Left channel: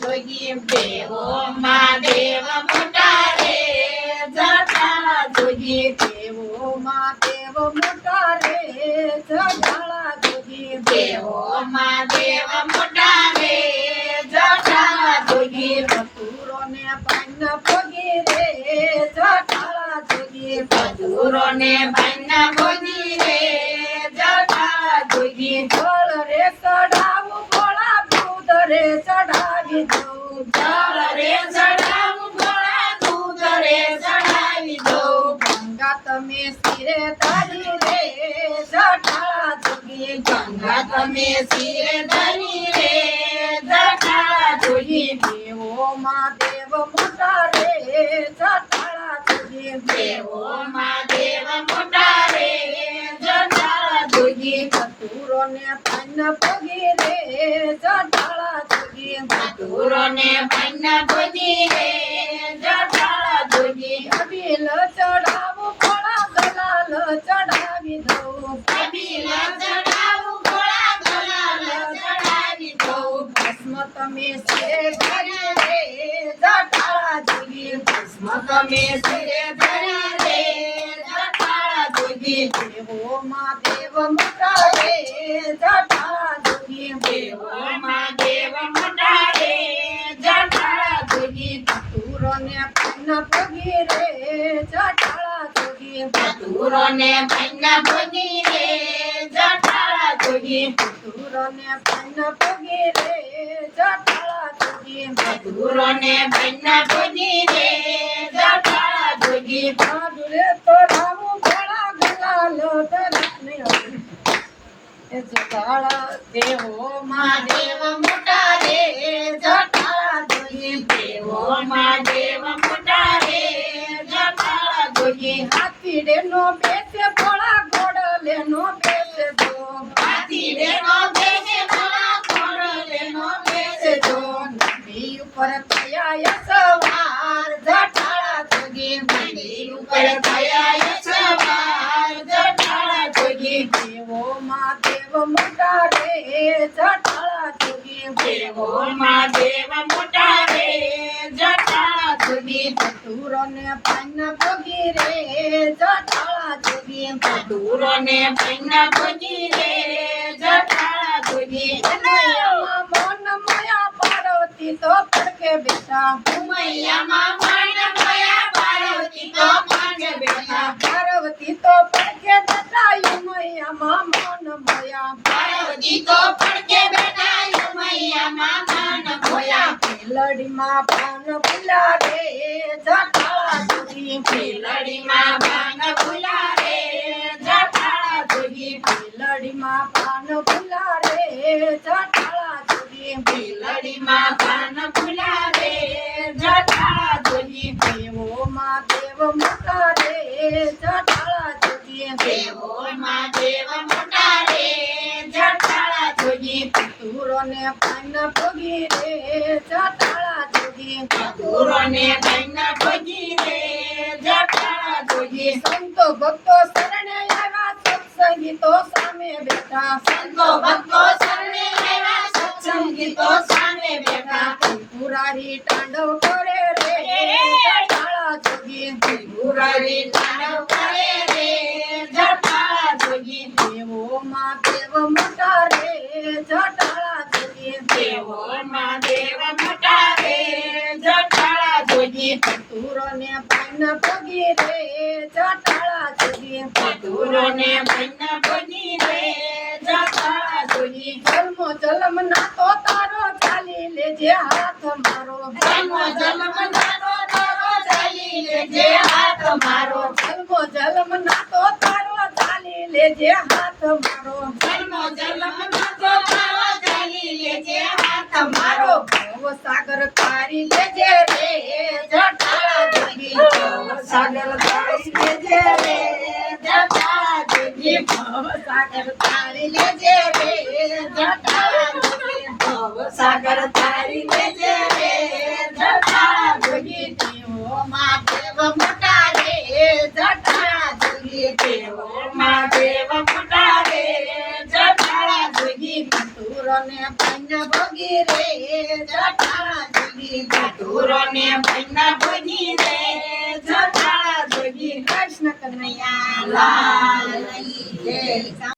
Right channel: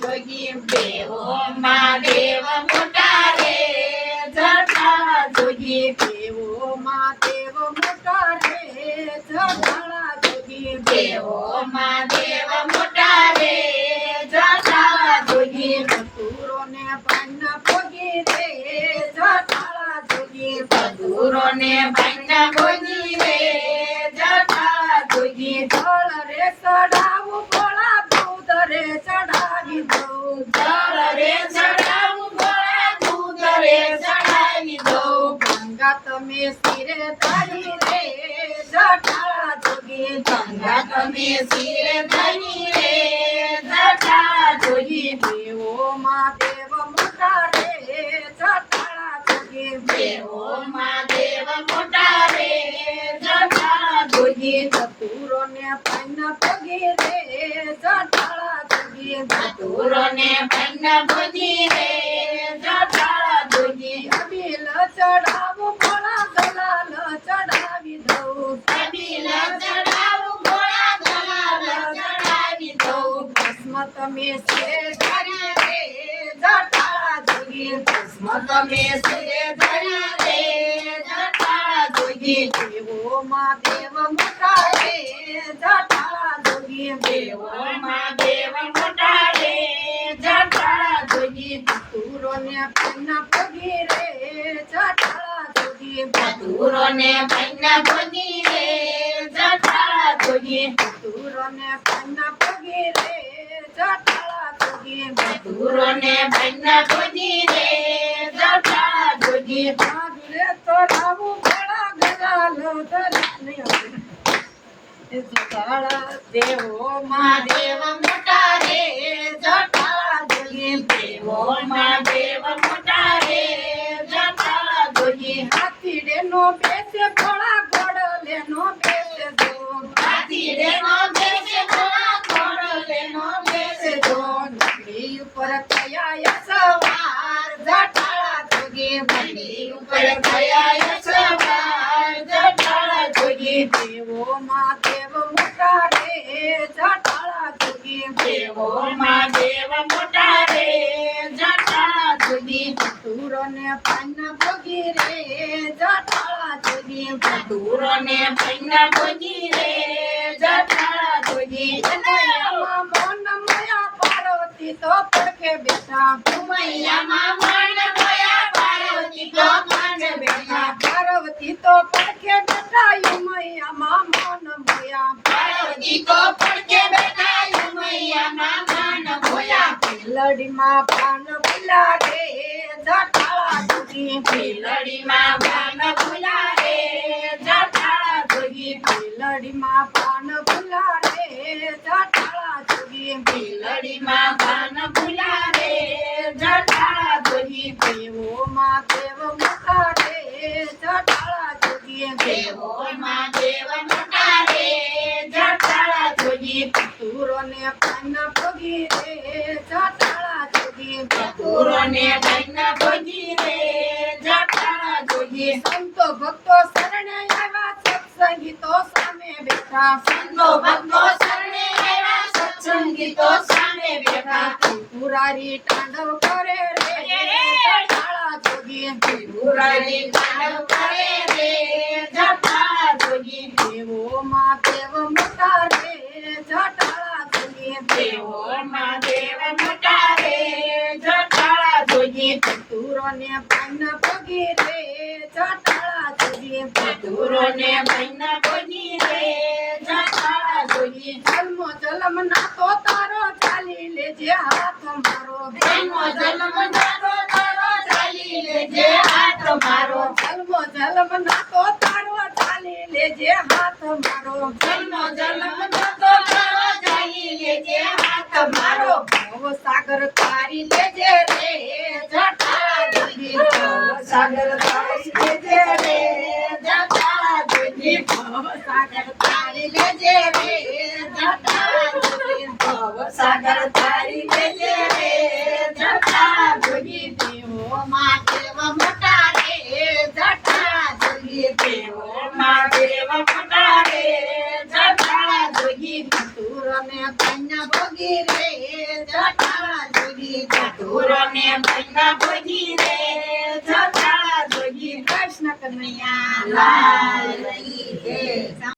જોગી દેવો મહાદેવ મોટા રે જટાળા જોગી દેવો મહાદેવ મોટા રે જટાળા જોગી દેવો મહાદેવ મોટા રે જટાળા જોગી ધતુરો ને પાન પગી રે જટાળા જોગી ધતુરો ને પાન પગી રે જટાળા જોગી જળ રે ચડાવું ભોળા દૂધ રે ચડાવી દઉં જળ રે ચડાવું ભોળા દૂધ રે ચડાવી દઉં ગંગા તમે શિરે ધારી રે જટાળા જોગી ગંગા તમે શિરે ધરી રે જટાળા જોગી દેવો મહાદેવ મોટા રે જટાળા જોગી દેવો મહાદેવ મોટા રે જટાળા જોગી ધતુરો ને પાન પગી રે જટાળા જોગી ધતુરો ને પાન પગી રે જટાળા જોગી અબીલ ચડાવું ભોળા ગલાલ ચડાવી દઉં કબીલ ચડાવું ભોળા ગલાલ ચડાવી દઉં ભસ્મ તમે શિરે ધારી રે જટાળા જોગી ભસ્મ તમે શિરે ધરી રે જટાળા જોગી દેવો મહાદેવ મોટા રે જટાળા જોગી દેવો મહાદેવ મોટા રે જટાળા જોગી ધતુરો ને પાન પગી રે જટાળા જોગી ધતુરો ને પાન પગી રે જટાળા જોગી ધતુરો ને પાન પગી રે જટાળા જોગી ધતુરો ને પાન પગી રે જટાળા જોગી સાધુરે તો રાવું ભોળા ગલાલ ધરી જટાળા દેવો મહાદેવ મોટા રે જટાળા જોગી દેવો મહાદેવ મોટા રે જટાળા જોગી હાથીડે નો બેસે ભોળા ગોડલે નો બેસે જો હાથી રે નો બેસે ભોળા ઘોડલે નો બેસે જો નદી ઉપર થયા સવાર જટાળા જોગી મંડી ઉપર થયા સવાર જટાળા જોગી દેવો મહાદેવ મોટા રે જટાળા જોગી દેવો મહાદેવ મોટા રે જટાળા જોગી ધતુરો ને પાન પગી રે જટાળા જોગી ધતુરો ને પાન પગી રે જટાળા જોગી ઉમૈયામાં મન મયા પાર્વતી તો પડકે બેઠા ઉમૈયામાં મન મયા પાર્વતી તો માંડ બેઠા પાર્વતી તો પડકે બેઠા ઉમૈયામાં મન મયા પાર્વતી તો પડકે બેઠા ઉમૈયામાં મન મોયા લડીમાં પાન ભૂલા રે જટાળા જોગી લડીમાં બાન ભૂલા રે જટાળા જોગી લડીમાં પાન ભૂલા રે જટાળા જોગી લડીમાં બાન ભૂલા રે જટાળા જોગી દેવો મહાદેવ મોટા રે જટાળા જોગી દેવો મહાદેવ મોટા રે જટાળા જોગી ધતુરો ને પાન પગી રે જટાળા જોગી ધતુરો ને પાન પગી રે જટાળા જોગી સંતો ભક્તો શરણે આવ્યા સત્સંગી તો સામે બેઠા સંતો ભક્તો શરણે આવ્યા સત્સંગી તો સામે બેઠા પુરારી તાંડવ કરે રે જટાળા જોગી પુરારી તાંડવ કરે રે જટાળા જોગી દેવો મહાદેવ મોટા રે જટાળા જોગી દેવો મહાદેવ મોટા રે જટાળા જોગી ધતુરો ને પાન પગી રે જટાળા જોગી ધતુરો ને પાન પગી રે જટાળા જોગી જન્મો જન્મ ના તો તારો ચાલી લેજે હાથ મારો જન્મ જન્મ નાતો તારો ચાલી લેજે હાથ મારો જન્મો જન્મ ના તો તારો ચાલી લેજે હાથ મારો જન્મ જન્મ નાતો તારો ચાલી લેજે હાથ મારો મારો ભવ સાગર તારી લેજે રે જટાળા જોગી સાગર તારી લેજે રે જટાળા જોગી ભવ સાગર તારી લેજે રે જટાળા જોગી ભવ સાગર તારી લેજે રે જટાળા જોગી દેવો મહાદેવ મોટા રે જટાળા જોગી દેવો મહાદેવ મોટા રે જટાળા જોગી ધતુરો ને પાન પગી રે જટાળા જોગી ધતુરોને ભાઈના ભોગી રે જોગાળા જોગી કૃષ્ણ કનૈયા લાલ કી જય.